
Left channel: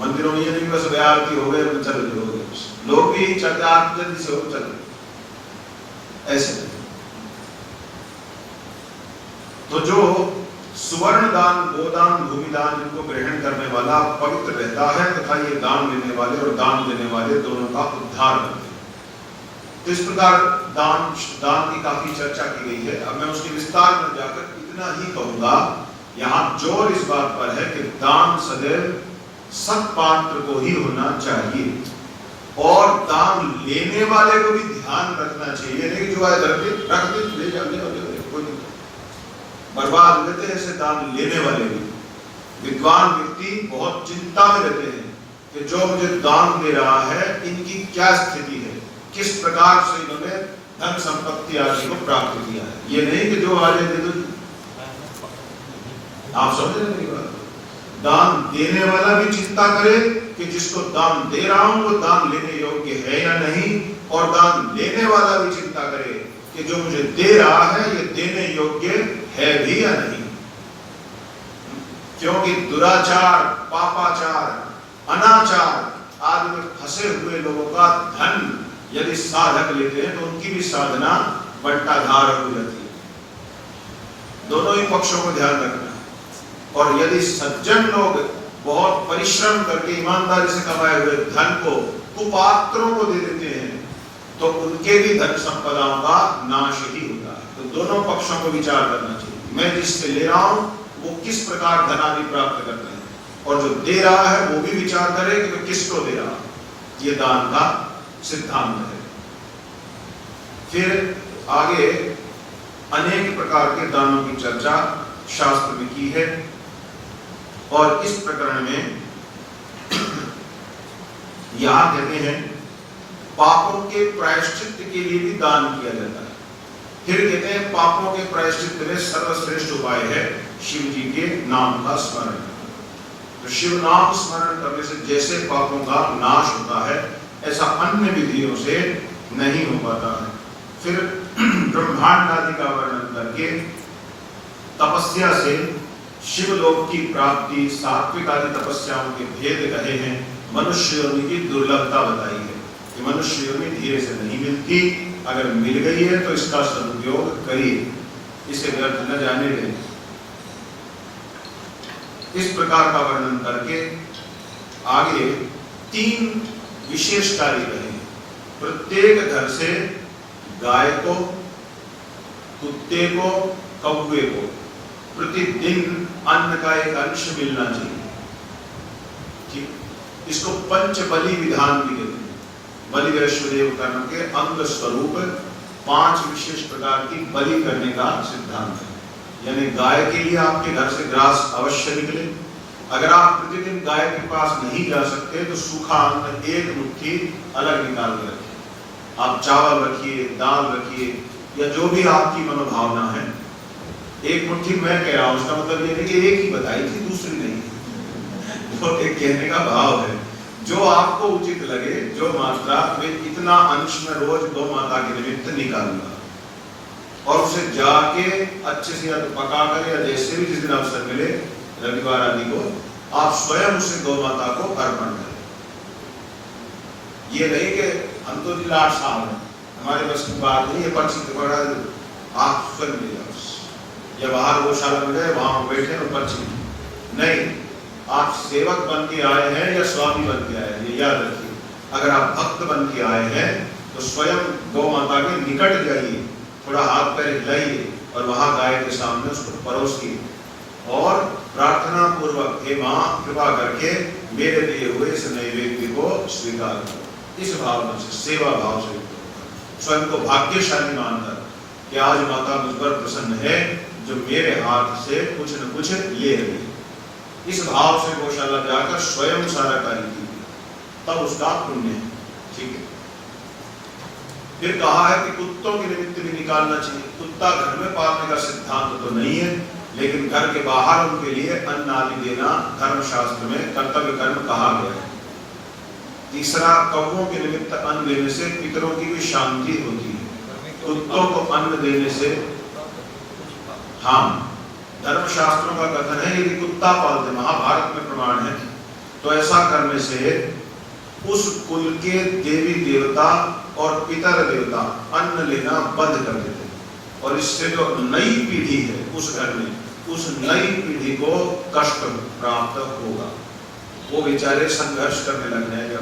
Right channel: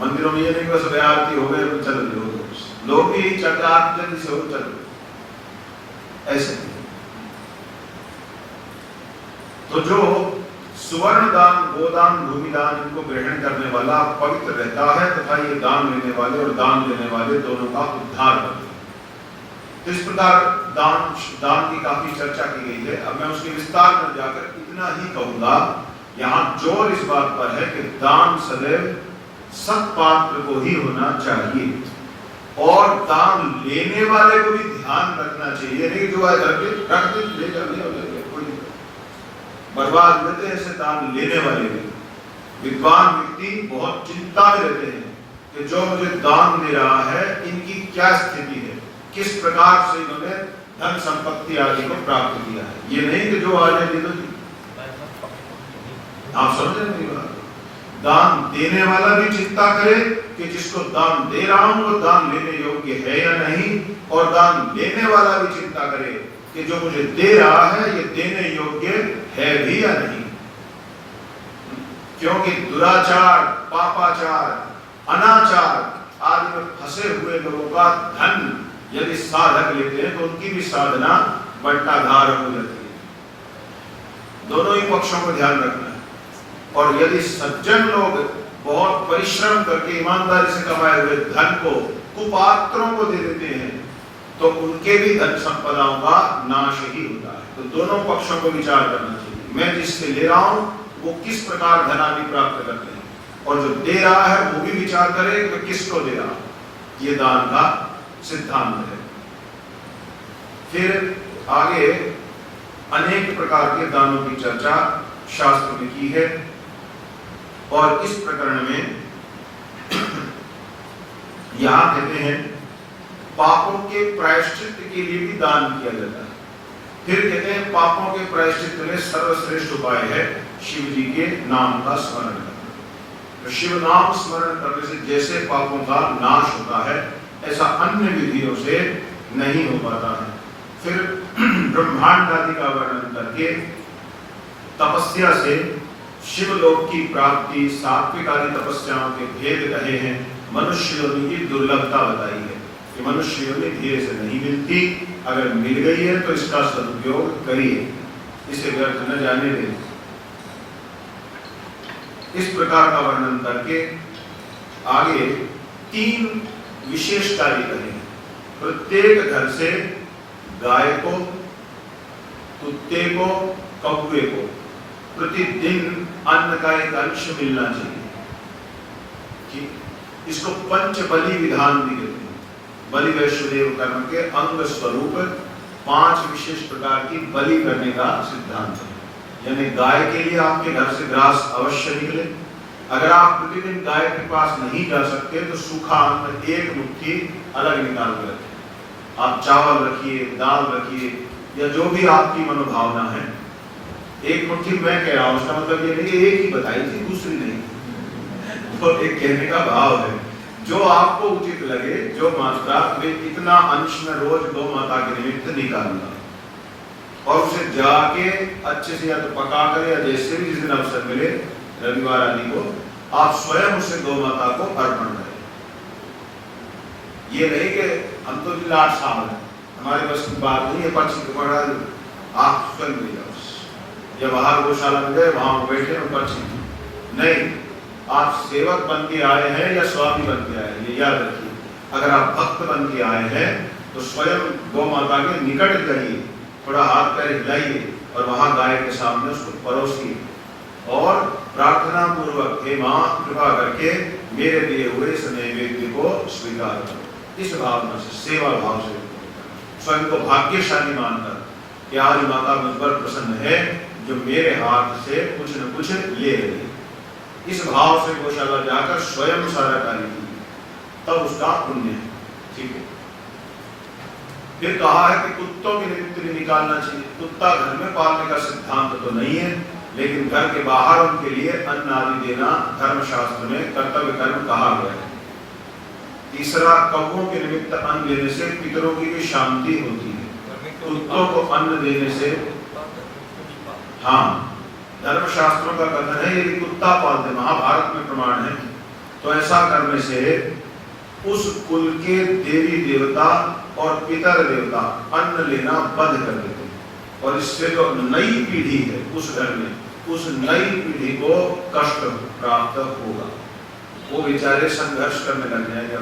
मंदिरों में ये नहीं बस आरती हो गए चल लोग भी चलते आरती से हो चल ऐसे। तो जो सुवर्ण दान, गोदान, भूमिदान इनको ग्रहण करने वाला पवित्र रहता है तथा ये दान लेने वाले और दान देने वाले दोनों का उद्धार करते हैं। तो इस प्रकार दान की काफी चर्चा की गई है। अब मैं उसके विस्तार में जाकर इतना ही कहूंगा, यहाँ जोर इस बात पर है कि दान सदैव सत्पात्र को ही होना चाहिए और दान लेने वाले को भी ध्यान रखना चाहिए। नहीं जो रख दे ले जाओ, बर्बाद लेते ऐसे दान लेने वाले भी। विद्वान व्यक्ति बहुत चिंता में रहते हैं कि जो मुझे दान दे रहा है इनकी क्या स्थिति है, किस प्रकार से इन्होंने धन संपत्ति आदि को प्राप्त किया है। ये नहीं कि जो आ जाए दे दो। आप समझ रहे हैं बात? दान देने वाला भी चिंता करे कि जिसको दान दे रहा हूं वो दान लेने योग्य है या नहीं, और दान लेने वाला भी चिंता करे कि जो मुझे दे रहा है ये देने योग्य है भी या नहीं। क्योंकि दुराचार, पापाचार, अनाचार आदि में फंसे हुए लोगों का धन यदि साधक लेते हैं तो उनकी भी साधना बंटाधार हो जाती है। दोनों ही पक्षों को ध्यान रखना है। और यदि सज्जन लोग बहुत परिश्रम करके ईमानदारी से कमाए हुए धन को कुपात्रों को दे देते हैं तो उनके भी धन संपदाओं का नाश ही होता है। तो दोनों पक्षों को विचार करना चाहिए। मैं जिससे ले रहा हूं वो किस प्रकार धन आदि प्राप्त करते हैं, और जो दे रहा है वो भी विचार करे कि मैं किसको दे रहा हूं। ये दान का सिद्धांत है। फिर आगे अनेक प्रकार के दानों की चर्चा शास्त्र में की है, और इस प्रकरण में यहां कहते हैं पापों के प्रायश्चित के लिए भी दान किया जाता है। फिर कहते हैं पापों के प्रायश्चित में सर्वश्रेष्ठ उपाय है शिव जी के नाम का स्मरण करना। तो शिव नाम स्मरण करने से जैसे पापों का नाश होता है ऐसा अन्य विधियों से नहीं हो पाता है। फिर ब्रह्मांड आदि का वर्णन करके तपस्या से शिवलोक की प्राप्ति, सात्विक आदि तपस्याओं के भेद कहे हैं। मनुष्य योनि की दुर्लभता बताई है कि मनुष्य योनि धीरे से नहीं मिलती, अगर मिल गई है तो इसका सदुपयोग करिए, इसे व्यर्थ न जाने दें। इस प्रकार का वर्णन करके आगे 3 विशेष कार्य करें। प्रत्येक घर से गाय को, कुत्ते को, कौवे को प्रतिदिन अन्न का एक अंश मिलना चाहिए। ठीक, इसको पंच बलि विधान भी कहते हैं। बलि वैश्वदेव कर्म के अंग स्वरूप 5 विशेष प्रकार की बलि करने का सिद्धांत है। यानी गाय के लिए आपके घर से ग्रास अवश्य निकले। अगर आप प्रतिदिन गाय के पास नहीं जा सकते तो सूखा अन्न 1 मुट्ठी अलग निकाल कर रखिए। आप चावल रखिए, दाल रखिए, या जो भी आपकी मनोभावना है। 1 मुट्ठी मैं कह रहा हूं, उसका मतलब ये नहीं कि एक ही बताई थी, दूसरी नहीं। वो एक कहने का भाव है। जो आपको उचित लगे, जो मात्रा, वे इतना अंश में रोज गौ माता के निमित्त निकालूंगा और उसे जाके अच्छे से या तो पका कर या जैसे भी जिस दिन अवसर मिले, रविवार आदि को, आप स्वयं उसे गौ माता को अर्पण करें। ये नहीं कि हम तो लाट साहब हैं, हमारे बस की बात नहीं है, पर्ची को पकड़ा दो, आप स्वयं ले जाओ, या बाहर गौशाला में गए वहां बैठे और पर्ची नहीं। आप सेवक बन के आए हैं या स्वामी बन के आए हैं, ये याद रखिए। अगर आप भक्त बन के आए हैं तो स्वयं गौ माता के निकट जाइए, थोड़ा हाथ पैर हिलाइए और वहां गाय के सामने उसको परोसिए और प्रार्थना पूर्वक, हे मां कृपा करके मेरे दिए हुए इस नैवेद्य को स्वीकार करो। इस भावना से, सेवा भाव से, स्वयं को भाग्यशाली मानकर कि आज माता मुझ पर प्रसन्न है जो मेरे हाथ से कुछ न कुछ ले रही है। इस भाव से गौशाला जाकर स्वयं सारा कार्य कीजिए, तब उसका पुण्य है। ठीक है। फिर कहा है कि कुत्तों के निमित्त भी निकालना चाहिए। कुत्ता घर में पालने का सिद्धांत तो नहीं है, लेकिन घर के बाहर उनके लिए अन्न आदि देना धर्मशास्त्र में कर्तव्य कर्म कहा गया है। तीसरा, कौवों के निमित्त अन्न देने से पितरों की भी शांति होती है। कुत्तों को अन्न देने से, हाँ, धर्मशास्त्रों का कथन है यदि कुत्ता पालते, महाभारत में प्रमाण है, तो ऐसा करने से उस कुल के देवी देवता और पितर देवता अन्न लेना बंद कर देते हैं और इससे जो नई पीढ़ी है उस घर में, उस नई पीढ़ी को कष्ट प्राप्त होगा। वो बेचारे संघर्ष करने लग जाएंगे,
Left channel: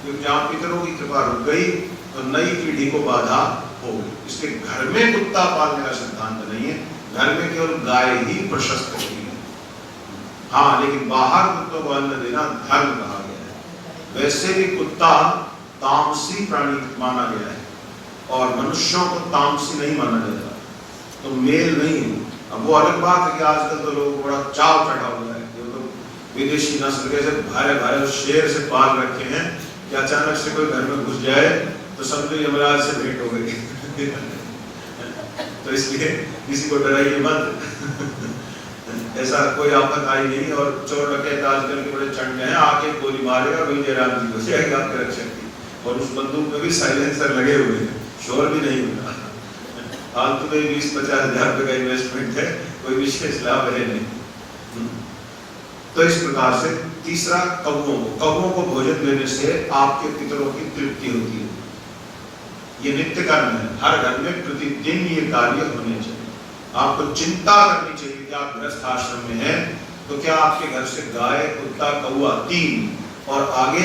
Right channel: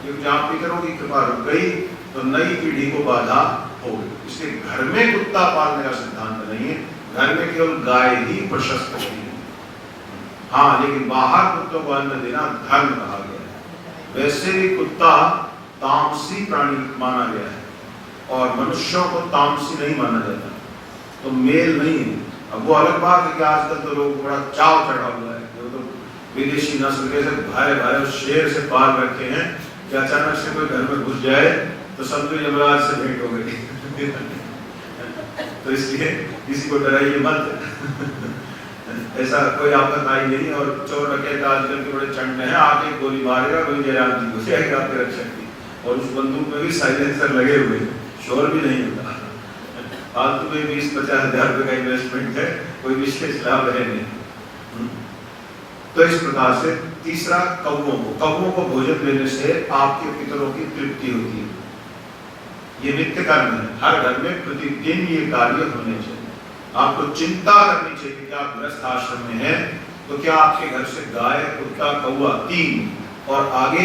क्योंकि जहाँ पितरों की कृपा रुक गई तो नई पीढ़ी को बाधा होगी। इसलिए घर में कुत्ता पालने का सिद्धांत नहीं है, घर में केवल गाय ही प्रशस्त होती है। हाँ, लेकिन बाहर कुत्तों को अन्न देना धर्म कहा गया है। वैसे भी कुत्ता तामसी प्राणी माना गया है और मनुष्यों को तामसी नहीं माना जाता, तो मेल नहीं है। अब वो अलग बात है कि आजकल तो लोग बड़ा चाव चढ़ा हुआ है, जो तो विदेशी नस्ल के भारे भारे शेर से पाल रखे हैं कि अचानक से कोई घर में घुस जाए तो समझो यमराज से भेंट हो गई। तो इसलिए किसी को डराइए मत। ऐसा कोई आफत आई नहीं और चोर डकैत आजकल के बड़े चंड हैं, आके गोली मारेगा, कोई जयराम जी को जाएगा आपके रक्षक की, और उस बंदूक में भी साइलेंसर लगे हुए हैं, शोर भी नहीं होता। फालतू के 20-50 हजार रुपए का इन्वेस्टमेंट है, कोई विशेष लाभ है नहीं। तो इस प्रकार से तीसरा, कौवों को भोजन देने से आपके पितरों की तृप्ति होती है। ये नित्य कर्म है, हर घर में प्रतिदिन ये कार्य होने चाहिए। आपको चिंता करनी चाहिए कि आप गृहस्थ आश्रम में हैं तो क्या आपके घर से गाय, कुत्ता, कौवा 3 और आगे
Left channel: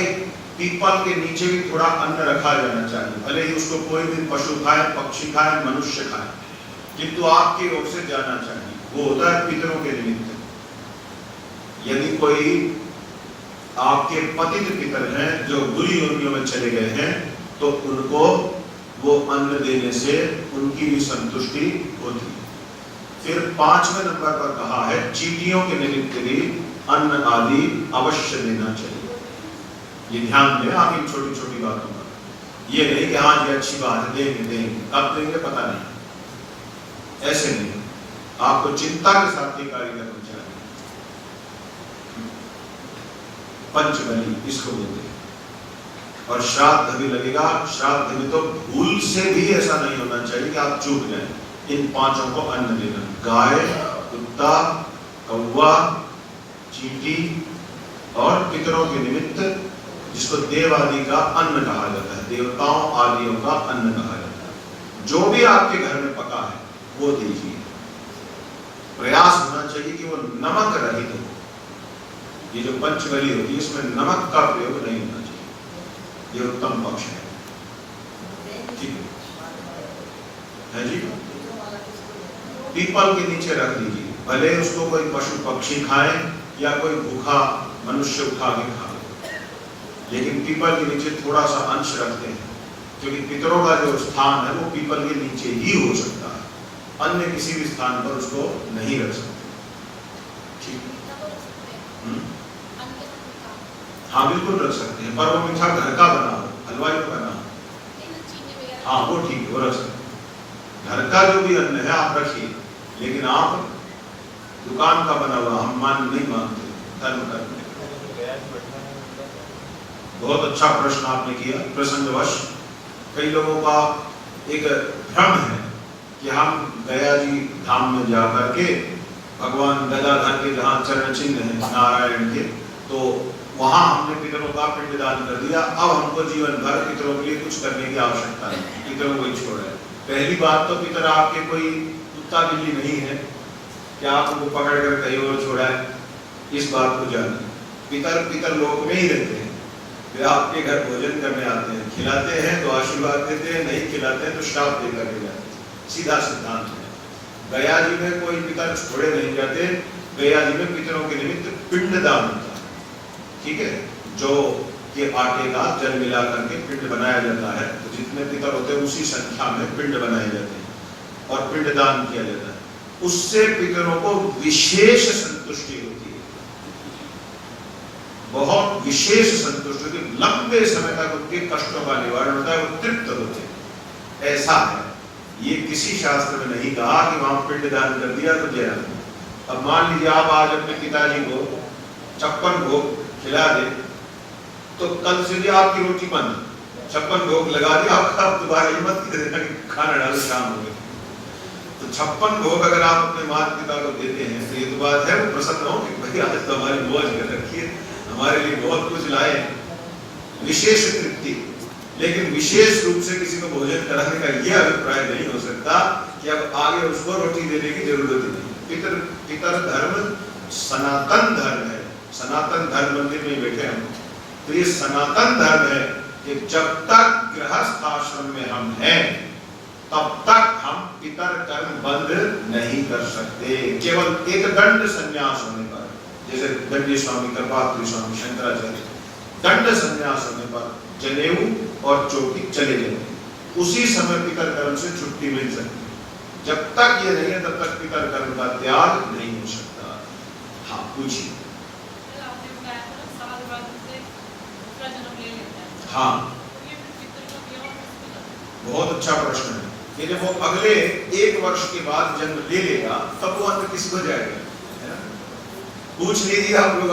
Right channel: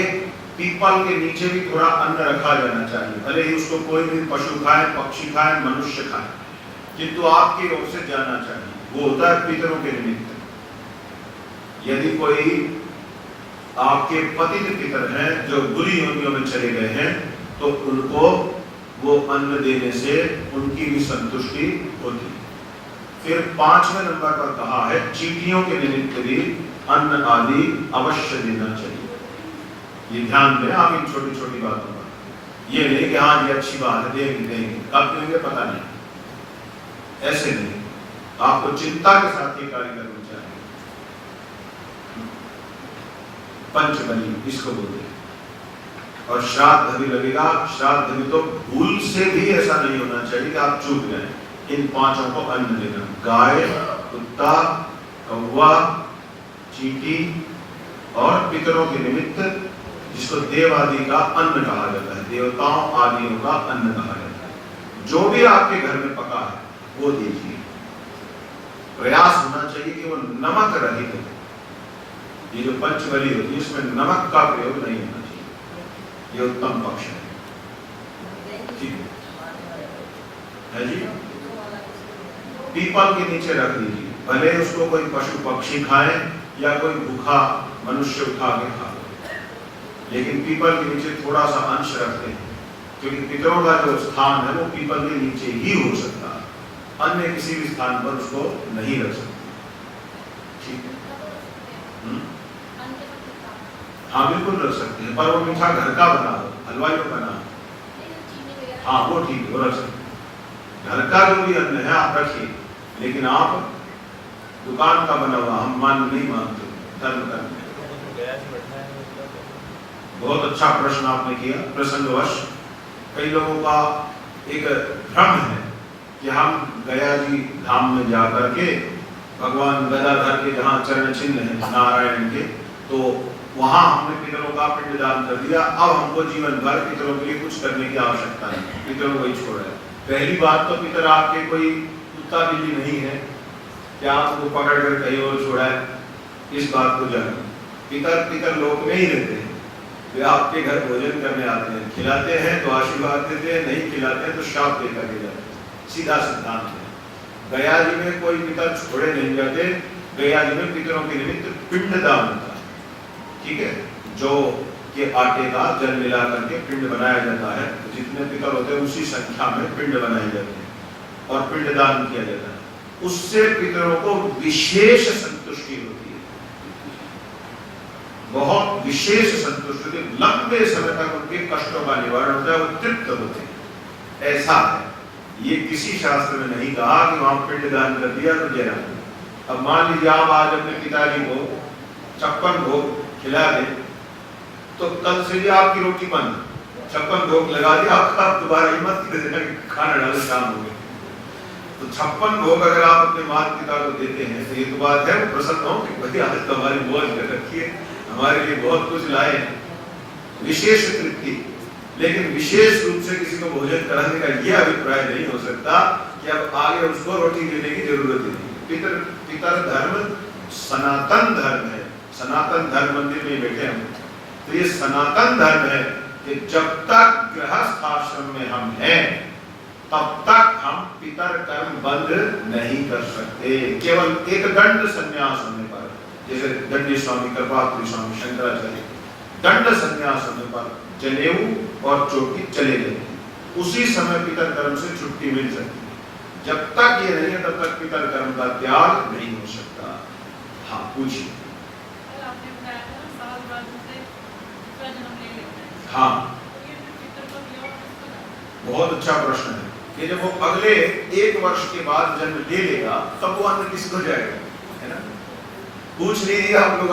पीपल के नीचे भी थोड़ा अन्न रखा जाना चाहिए। भले ही उसको कोई दिन पशु खाए, पक्षी खाए, मनुष्य खाए, किंतु आपकी ओर से जाना चाहिए। वो होता है पितरों के निमित्त। यदि कोई आपके पतित पितर हैं जो बुरी योनियों में चले गए हैं तो उनको वो अन्न देने से उनकी भी संतुष्टि होती है। फिर 5वें नंबर पर कहा है चींटियों के निमित्त भी अन्न आदि अवश्य देना चाहिए। ये ध्यान देना आप इन छोटी छोटी बातों पर। ये नहीं कि हाँ ये अच्छी बात है, देंगे, कब देंगे पता नहीं, ऐसे नहीं। आपको चिंता के साथ ये कार्य करना चाहिए। पंचबली इसको बोलते हैं। और श्राद्ध भी लगेगा। श्राद्ध में तो भूल से भी ऐसा नहीं होना चाहिए कि आप चूक गए। इन 5 को अन्न देना, गाय, कुत्ता, कौवा, चींटी और पितरों के निमित्त, जिसको देव आदि का अन्न कहा जाता है, देवताओं आदियों का अन्न कहा जाता है। जो भी आपके घर में पका है वो दीजिए। प्रयास होना चाहिए कि वो नमक रहित हो। ये जो पंचबली होती है इसमें नमक का प्रयोग नहीं होना चाहिए। ये उत्तम पक्ष है। ठीक है जी, पीपल के नीचे रख लीजिए, भले उसको कोई पशु पक्षी खाए या कोई भूखा मनुष्य उठा के खा, लेकिन पीपल के नीचे थोड़ा सा अंश रखते हैं, क्योंकि पितरों का जो स्थान है वो पीपल के नीचे ही हो सकता है, अन्य किसी भी स्थान पर उसको नहीं रख सकते। ठीक है, हाँ बिल्कुल रख सकते हैं, पर वो मीठा घर का बना हो, हलवाई का बना हो, हाँ वो ठीक है, वो रख सकते हैं। घर का जो भी अन्न है आप रखिए, लेकिन आप दुकान का बना हुआ हम नहीं मानते धर्म करने। बहुत अच्छा प्रश्न आपने किया। प्रसंगवश कई लोगों का एक भ्रम है कि हम गया जी धाम में जाकर के भगवान गदाधर के जहाँ चरण चिन्ह है नारायण के, तो वहां हमने पितरों का पिंडदान कर दिया, अब हमको जीवन भर पितरों के लिए कुछ करने की आवश्यकता नहीं, पितरों को ही छोड़ है। पहली बात तो पितर आपके कोई कुत्ता बिल्ली नहीं है कि आप उनको पकड़ कर कहीं और छोड़ा है, इस बात को जान। पितर पितर लोक में ही रहते हैं, वे आपके घर भोजन करने आते हैं, खिलाते हैं तो आशीर्वाद देते हैं, नहीं खिलाते हैं तो श्राप देकर के जाते हैं, सीधा सिद्धांत है। गया जी में कोई पितर छोड़े नहीं जाते, गया जी में पितरों के निमित्त पिंडदान होता है। ठीक है, जो के आटे का जल मिला करके पिंड बनाया जाता है, तो जितने पितर होते हैं उसी संख्या में पिंड बनाए जाते हैं और पिंडदान किया जाता है। उससे पितरों को विशेष संतुष्टि होती है, बहुत विशेष संतुष्टि, लंबे समय तक उनके कष्टों का निवारण होता है, वो तृप्त होते हैं। ऐसा है, ये किसी शास्त्र में नहीं कहा कि वहां पिंडदान कर दिया तो जय। अब मान लीजिए आप आज अपने पिताजी को 56 भोग खिला दे, तो कल से भी आपकी रोटी बंद, 56 भोग लगा दिया, आपका दोबारा हिम्मत कर देना खाना डालो शाम हो गई। तो 56 भोग अगर आप अपने माता पिता को देते हैं तो एक बात है, प्रसन्न हो कि भाई आज तो हमारी मौज कर रखी है, हमारे लिए बहुत कुछ लाए हैं, विशेष तृप्ति। लेकिन विशेष रूप से किसी को भोजन कराने का यह अभिप्राय नहीं हो सकता कि अब आगे उसको रोटी देने की जरूरत नहीं। पितर धर्म सनातन धर्म है, सनातन धर्म मंदिर में बैठे हम, तो ये सनातन धर्म है कि जब तक गृहस्थ आश्रम में हम हैं तब तक हम पितर कर्म बंद नहीं कर सकते। केवल एक दंड संन्यास होने पर, जैसे दंडी स्वामी कृपात्री स्वामी शंकराचार्य, दंड संन्यास होने पर जनेऊ और चोटी चले जाते, उसी समय पितर कर्म से छुट्टी मिल सकती है। जब तक ये नहीं है तब तक पितर कर्म का त्याग नहीं हो सकता। हाँ पूछिए। हाँ बहुत अच्छा प्रश्न है कि जब वो अगले 1 वर्ष के बाद जन्म ले लेगा तब वो अन्न किसको जाएगा, है ना? पूछ लीजिए आप लोग।